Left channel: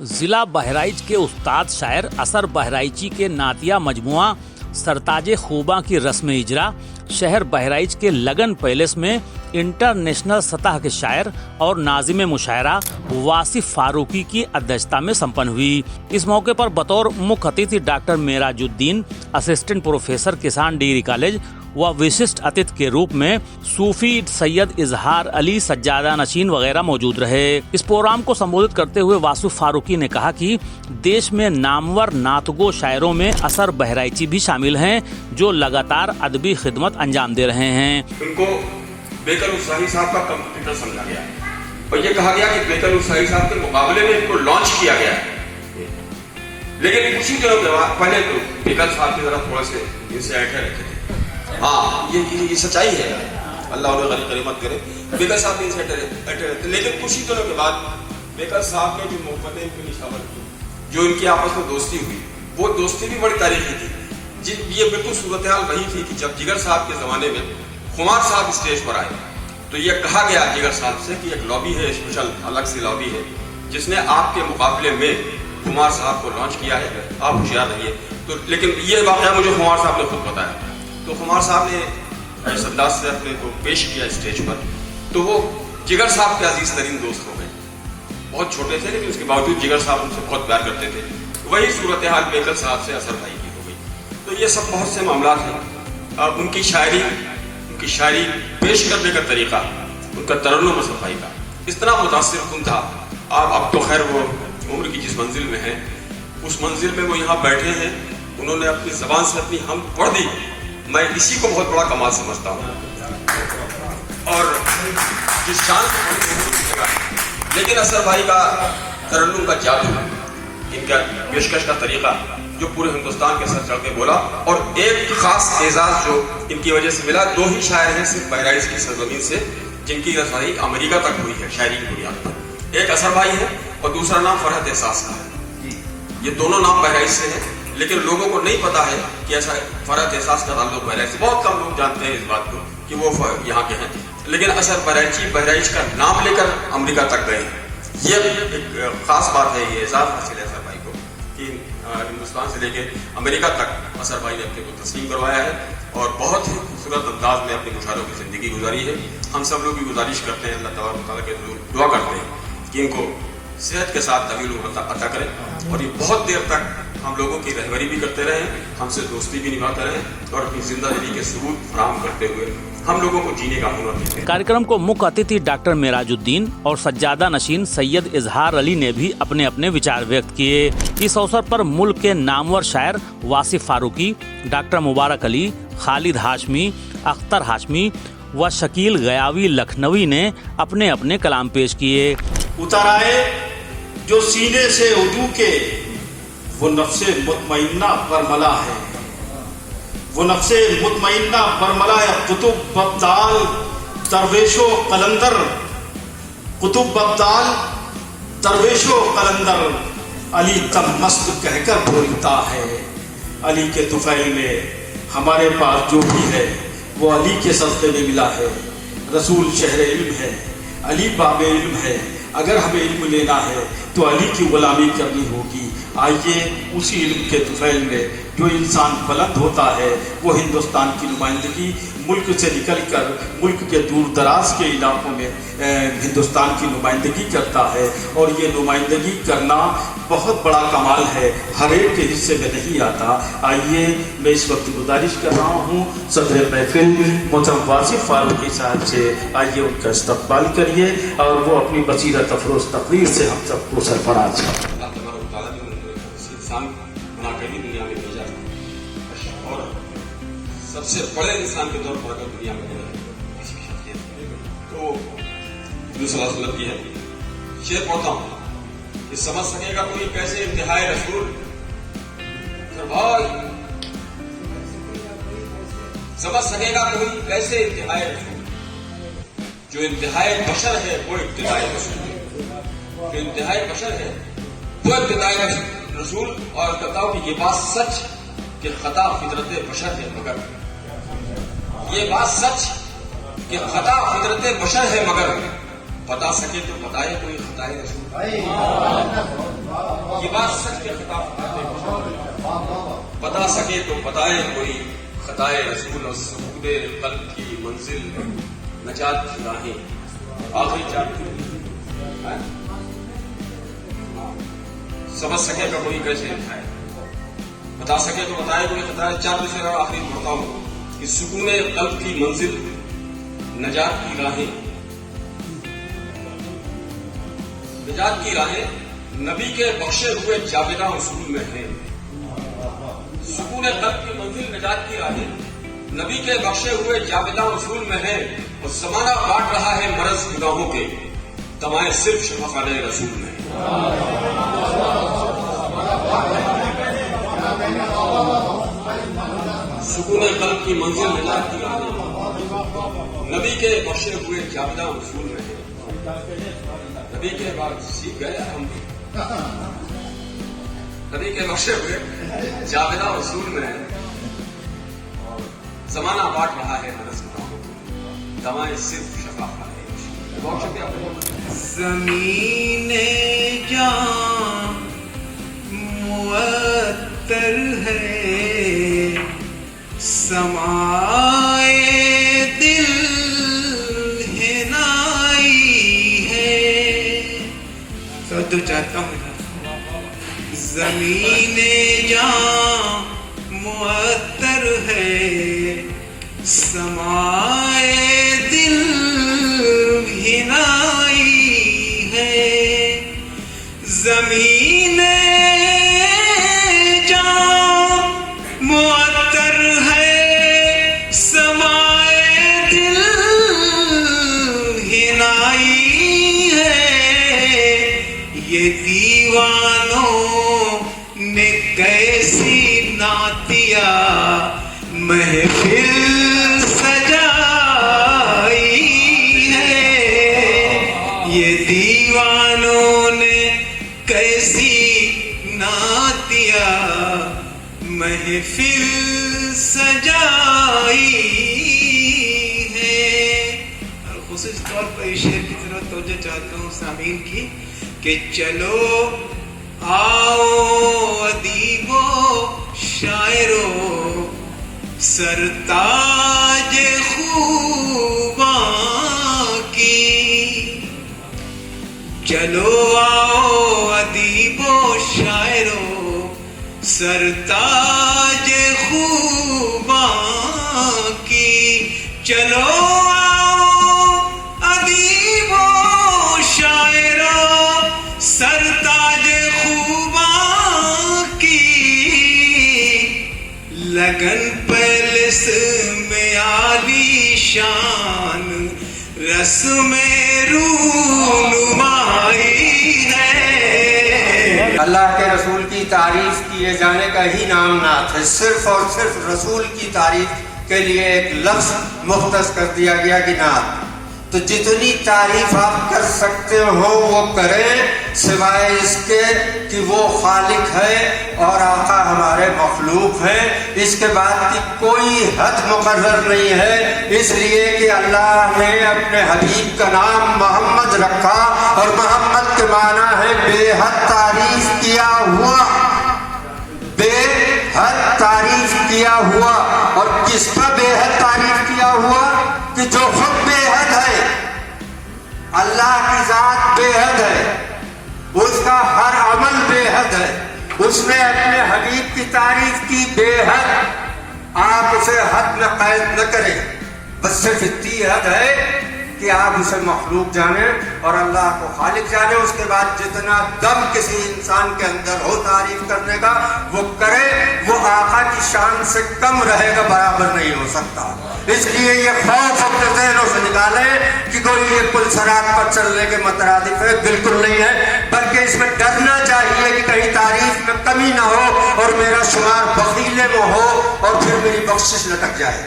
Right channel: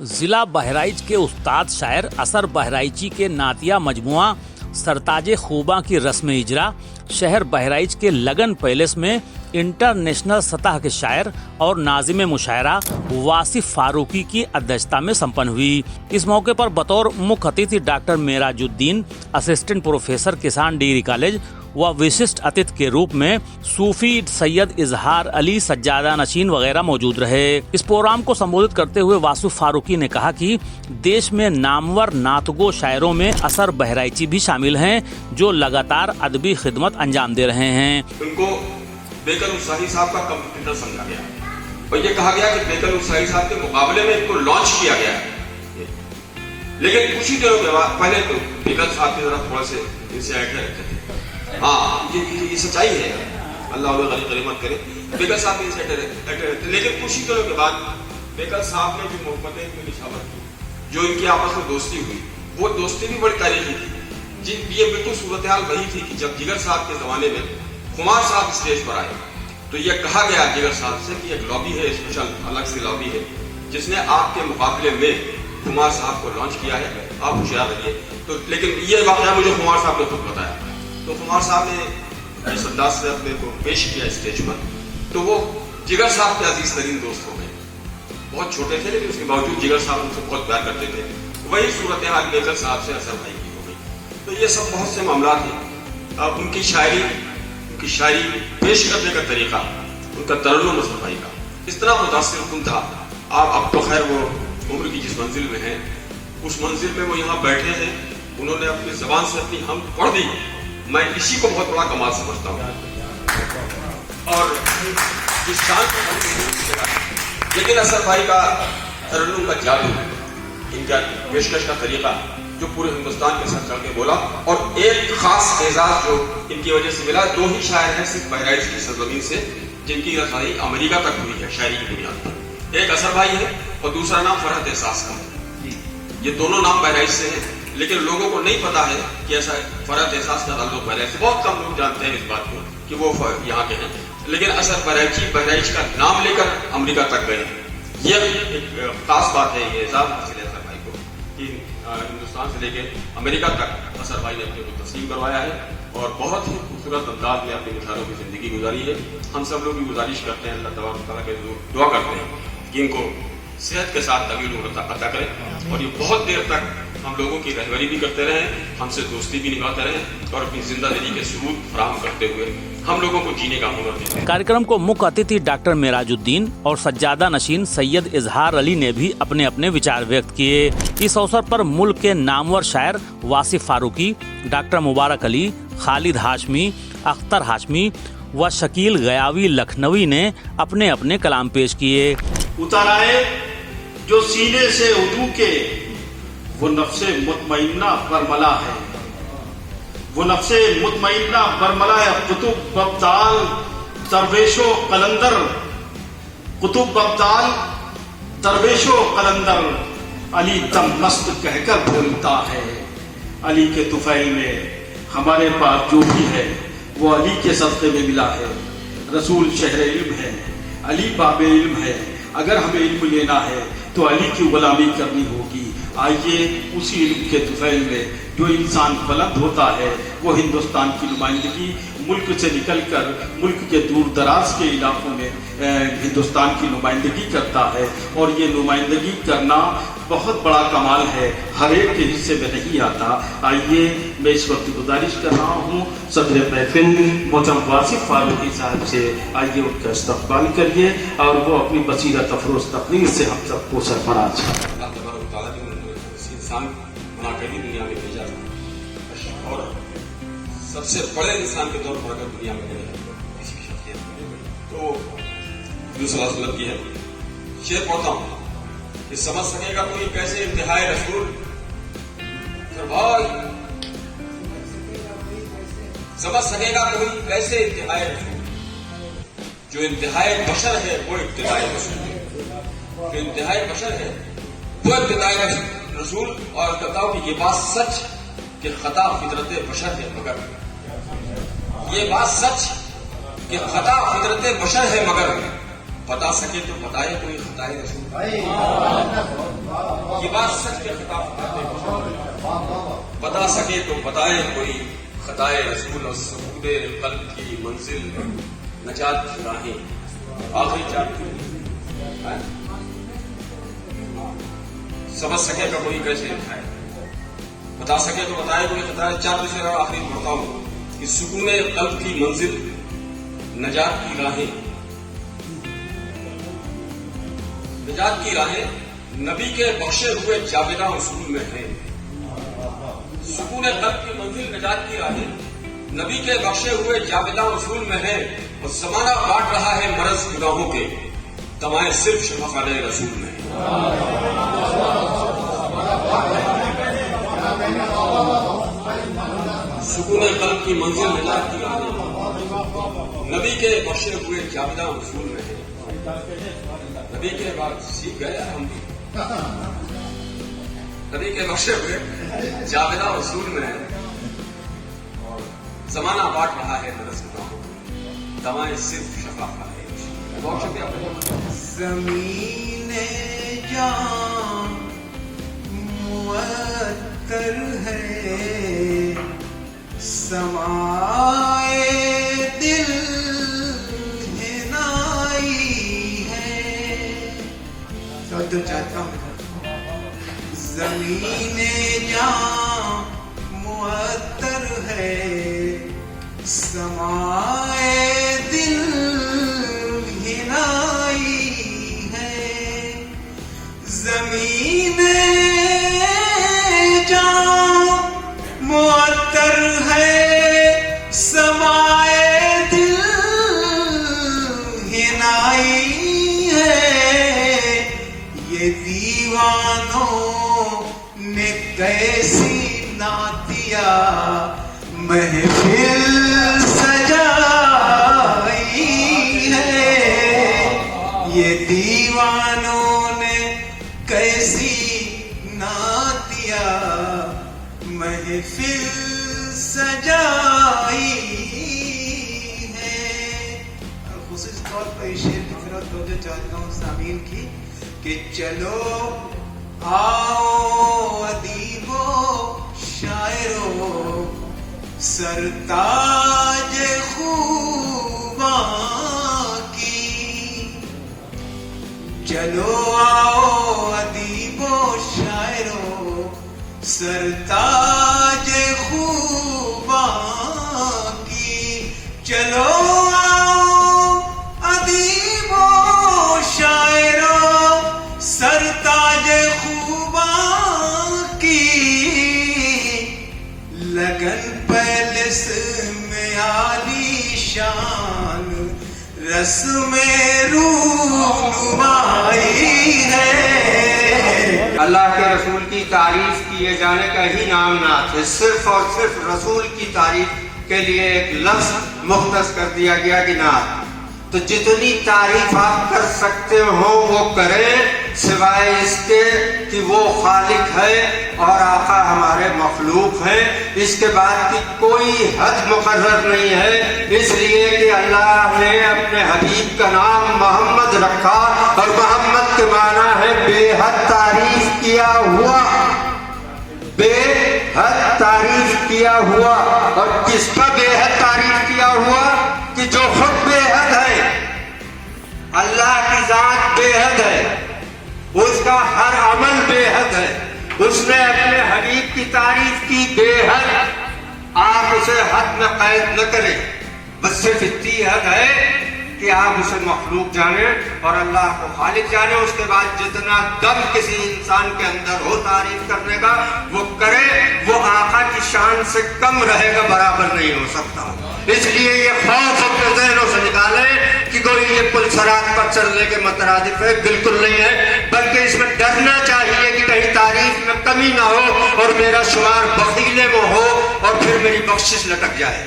ضلع بہرائچ کے استاد شاعر اثر بہرائچی کے نعتیہ مجموعہ سرتاج خوباں کی رسم اجرا شہر بہرائچ کے لگن پیلس میں انٹرنیشنل سطح کے شاعر اور ناظم مشاعرہ واصف فاروقی کی ادھیشتا میں سمپن ہوئی۔ اس موقع پر بطور مکھ اتھے ڈاکٹر معراج الدین، اسسٹنٹ پروفیسر کسان ڈگری کالج و وششٹ اتھے کے روپ میں صوفی سید اظہار علی سجادہ نشین وغیرہ موجود رہے۔ اس پروگرام کو سمبودھت کرتے ہوئے واصف فاروقی نے کہا کہ دیش میں نامور نعتگو شاعروں میں اثر بہرائچی بھی شامل ہیں جو لگاتار ادبی خدمت انجام دے رہے ہیں۔ ان کو بیکر الساہی صاحب کا کمپیوٹر سمجھا گیا اور یہ کہا گیا کہ بیکر الساہی صاحب کے مقابلے میں ان کو لانچ کیا گیا ہے، لیکن کچھ ہی دنوں کے بعد پہلے تو بیکر صاحب کے ذرا تھوڑا سے ان سے ایٹھے رکھتے تھے۔ ہاں یہ سچائی ہے، اللہ انہیں غنیمت کرے۔ بیکر صاحب ان سے ایٹھے رکھتے، لیکن کچھ ہی دنوں کے بعد بیکر صاحب نے جو محبتیں ان کو نچھاور کی، جو ان کی آپس میں دوستی ہوئی، وہ دوستی بھی بڑی تاریخی تھی۔ یہ بالکل صورتحال وہی تھی کہ جب جگر صاحب کے زمانے میں خمار صاحب اسٹیج پر آئے تو یہ کہا گیا جگر صاحب سے کہ ایک لابی ہے، اسپیشل الگ سے لابی ہے جس نے آپ کے مقابلے میں خمار صاحب کو لانچ کیا ہے، آپ ہوشیار رہیے۔ تو لیکن یہ واقعہ مجھے خمار صاحب نے خود بتایا، تو خمار صاحب نے اس انداز سے اپنے کو پیش کیا اسٹیج پر، تو وہ جگر صاحب کے عزیز ترین دوست ہو گئے۔ بہت چھوٹے تھے لیکن اس کے باوجود جگر صاحب ان سے بہت پیار کرتے تھے۔ وہی صورتحال بیکر صاحب سے اثر بھائی کی ہو گئی۔ تو یہ سب بہت سے معاملات ہیں۔ اب ان کی شاعری پیش کرنے کا طریقہ، ان کا ترنم اثر بھائی کا اس طرح متاثر کن تھا۔ اب تو خیر وہ عمر کی جس منزل میں ہیں اس منزل میں وہ یہاں بیٹھے ہیں، انہوں نے اپنی زبان سے اپنی حمد پڑھ دی، میں اسی کو بہت بڑا کمال سمجھتا ہوں۔ اور جس شان کو لیکن اثر بھائی کا ترنم کا جادو، ان کا پیشکش کا طریقہ جو پورے ہندوستان کے سر چڑھ کے بولا، اور ایک خاص اعزاز جو ان کی وجہ سے ملا، دو ہی شاعر ہیں صرف بہرائچ کی سرزمین سے جن کی رسائی امریکہ تک ہوئی ہے شاعری کی بنیاد پر۔ ایک اثر بھائی ہے اور دوسرا نام فرحت احساس کا ہے۔ یہ دونوں نام بہرائچ سے ہیں لیکن لوگوں کو نہیں پتا ہے کہ ایسا فرحت احساس کا تعلق بہرائچ سے، بہت کم لوگ جانتے ہیں اس بات کو کہ وہ یہاں کے ہیں، لیکن اثر بہرائچ کا نام لے کر امریکہ تک گئے ہیں۔ یہ ایک خاص بات ہے، یہ اعزاز حاصل ہے اثر بھائی کو کہ ہندوستان سے لے کے امریکہ تک اثر بھائی نے اپنے کو تسلیم کروایا ہے اور بہت ہی خوبصورت انداز میں اپنے مشاعروں کی زندگی گزاری ہے۔ ہم سب لوگ بھی گزارش کرتے ہیں، اللہ تبارک و تعالیٰ کے حضور دعا کرتے ہیں کہ ان کو صحت کے ساتھ طویل عمر عطا کرے اور یہ بہت دیر تک ہم لوگوں کی رہبری بھی کرتے رہیں، ہم سے دوستی بھی نبھاتے رہیں اور اپنی زندگی کے ثبوت فراہم کرتے ہوئے ہم لوگوں کو جینے کا ہنر دیں۔ कार्यक्रम को मुख्य अतिथि डॉक्टर معراج الدین और सज्जादा नशीन सैयद इजहार अली ने भी अपने अपने विचार व्यक्त किए। इस अवसर पर मुल्क के नामवर शायर वासिफ फारूकी, डॉक्टर मुबारक अली, खालिद हाशमी, अख्तर हाशमी व शकील गयावी लखनवी ने अपने अपने कलाम पेश किए। उतर आए जो सीने से उजू के वो नफ्से मुतमइन्ना बरमला है, वो नफ्से मुतमइन्ना बरमला है। कुतुब बब्दाल दरवेशो कलंदर, कुतुब बब्दाल दरवेशो कलंदर, अली दम मस्त कहकर बोलता है। अली के तुफैल में हमारे पास जो भी है वो अली के सदक़े में मिला है। रसूल शहर इल्म है, अली बाब इल्म है। अगर हमें इल्म लेना है तो अली की गुलामी करनी होगी। आइए उसी इल्म के तुफैल में जो इंसान बुलंद होता है वो हिंदुस्तान की नुमाइंदगी मुल्क से निकल कर मुल्क के दूर दराज के इलाकों में हिंदुस्तान की नुमाइंदगी करता है, और ये नुमाइंदगी करना बहुत बड़ा कमाल है, हर एक के हिस्से में नहीं आता। आइए मैं इस वक्त गुजारिश कर रहा हूँ सदर महफिल मोहतरम वासिफ फारूकी साहब से, आइए उनका इस्तकबाल करिए और वो अपनी बसीरत अफरोज तकरीर से हम सबको सरफराज इंसान बना कर ही दुनिया में भेजा था और सबसे बड़े इंसान के तौर पर अगर दुनिया में किसी की शख्सियत तो दूसरा की है। शेर पढ़ता हूँ कि समझ सकेगा कोई कैसे इंतहाई रसूल, भाई समझ सकेगा कोई कैसे इंतहाई रसूल, जो इंतहाई बशर है वो इब्तिदाई रसूल, जो इंतहाई बशर है वो इब्तिदाई रसूल। और कहता हूं कि ये बात सच कि खता फितरत बशर है, मगर ये बात सच कि खता फितरत बशर है, मगर बता सके तो बताए कोई खताए रसूल। ये बात सच के खिताब करते हैं। बता सके तो बताए कोई खताए रसूल और सबूत कल्ब की मंजिल नजात की राहें आखिरी चार समझ सके तो कोई कैसे लिखाए, बता सके तो बताए कोई खताए चार दूसरे और आखिरी पढ़ता हूं कि सुकून कल्ब की मंजिल नजात की राहें, नजात की राहें नबी के बख्शे हुए जाबिदा उसूल में हैं। सुकून कल्ब की मंजिल नजात की राहें नबी के बख्शे हुए जाबिदा उसूल में हैं। और जमाना बांट रहा है मरज गुनाहों के, दवाएं सिर्फ शफाक़ात रसूल में। सुकून कल्ब की मंजिल नजात की राहें नबी के बख्शे हुए जाबिदा उसूल में है। नबी के बाद सीख गए हम भी, नबी के बख्शे हुए जाबिदा उसूल में है। जमाना बांट रहा है मरज गुनाहों को, दवाएं सिर्फ शफाक़ात है। बहुत शुक्रिया। ज़मीने जान मुअत्तर है, समाए दिल हिनाई है। तो चाहता हूँ ज़मीने जान मुअत्तर है, समाए दिल हिनाई है। ज़मीने जान मुअत्तर है, समाए दिल हिनाई है। ये दीवानों ने कैसी नातिया महफिल सजाई है। ये दीवानों ने कैसी नातिया महफिल सजाई है। और खुसूस तौर पर इस शेर की तरफ तवज्जो चाहता हूँ सामीन की कि चलो आओ अदीबो शायरो सरताज खूबां की। चलो आओ अदीबो शायरो सरताज खूबां की। चलो आओ अदीबो शायरो सरताज खूबां की। लगन पैलेस में आली शान रस्म रूनुमाई है। अल्लाह के रसूल की तारीफ किए जाने का ही नाम नात है। सिर्फ और सिर्फ रसूल की तारीफ के लिए एक लफ्ज मुख्तस कर दिया गया कि नात। तो जितनी तारीफ आप कर सकते हो वो करें, सिवाय इसके कि वो खालिक है और आका हमारे मखलूक हैं। इसके बाद की कोई हद मुकर्रर नहीं है, इसलिए कि अल्लाह ने अपने हबीब का नाम मोहम्मद रखा और मोहम्मद के माना है बेहद तारीफ किया हुआ, बेहद तारीफ किया हुआ। और किस पर बेहद तारीफ किया हुआ? कि जो खुद बेहद है, अल्लाह की जात बेहद है, उसका हर अमल बेहद है। उसने अपने हबीब की तारीफ की बेहद। आप उसे हद में कैद न करें, बस सिर्फ इतनी हद है कि आप उसे मखलूक जाने और अल्लाह को खालिक जाने। उसके बाद जितना दम किसी इंसान के अंदर हो तारीफ करने का वो करे, वो आका की शान से कम रहेगा, बराबर नहीं हो सकता। इसलिए ये खौफ अपने ज़हनों से निकाले कि कोई ये पुल सरात पर चलने के मतरादिफ है, बिल्कुल नहीं है। बल्कि इसमें डरना चाहिए कि कहीं तारीफ में कमी ना हो और मेरा शुमार बखीले में हो और फिर मेरी बख्शिश लटक जाए।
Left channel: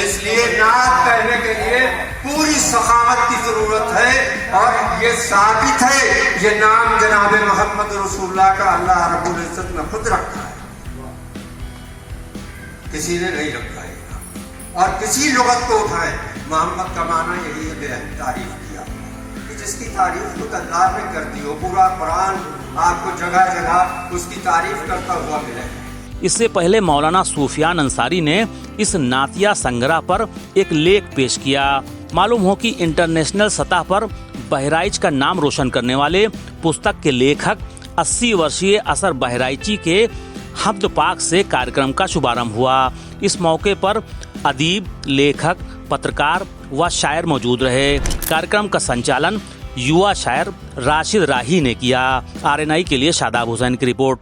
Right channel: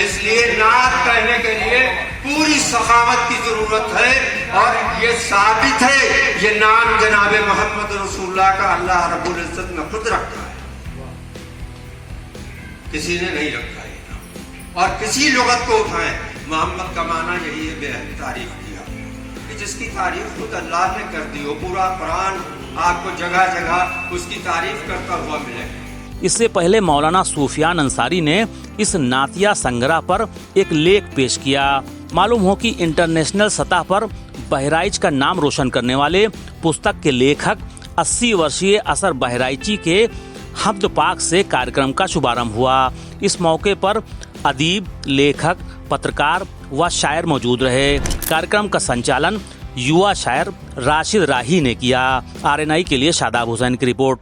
इसलिए नात कहने के लिए पूरी सखावत की जरूरत है। और ये साबित है, ये नाम जनाब मोहम्मद रसूलुल्लाह का अल्लाह रब्बुल इज्जत ने खुद रखा है, किसी ने नहीं रखा है। और किसी लुगत को उठाएं, मोहम्मद का माना यही है, बेहद तारीफ किया कि जिसकी तारीफ खुद अल्लाह ने कर दी हो, पूरा कुरान आपको जगह जगह उसकी तारीफ करता हुआ मिले। इससे पहले मौलाना सूफियान अंसारी ने इस नातिया संग्रह पर एक लेख पेश किया। मालूम हो कि इंटरनेशनल सतह पर बहराइच का नाम रोशन करने वाले पुस्तक के लेखक 80 वर्षीय असर बहराइची के हम्द पाक से कार्यक्रम का शुभारंभ हुआ। इस मौके पर अदीब, लेखक, पत्रकार व शायर मौजूद रहे। कार्यक्रम का संचालन युवा शायर राशिद राही ने किया। RNI के लिए शादाब हुसैन की रिपोर्ट।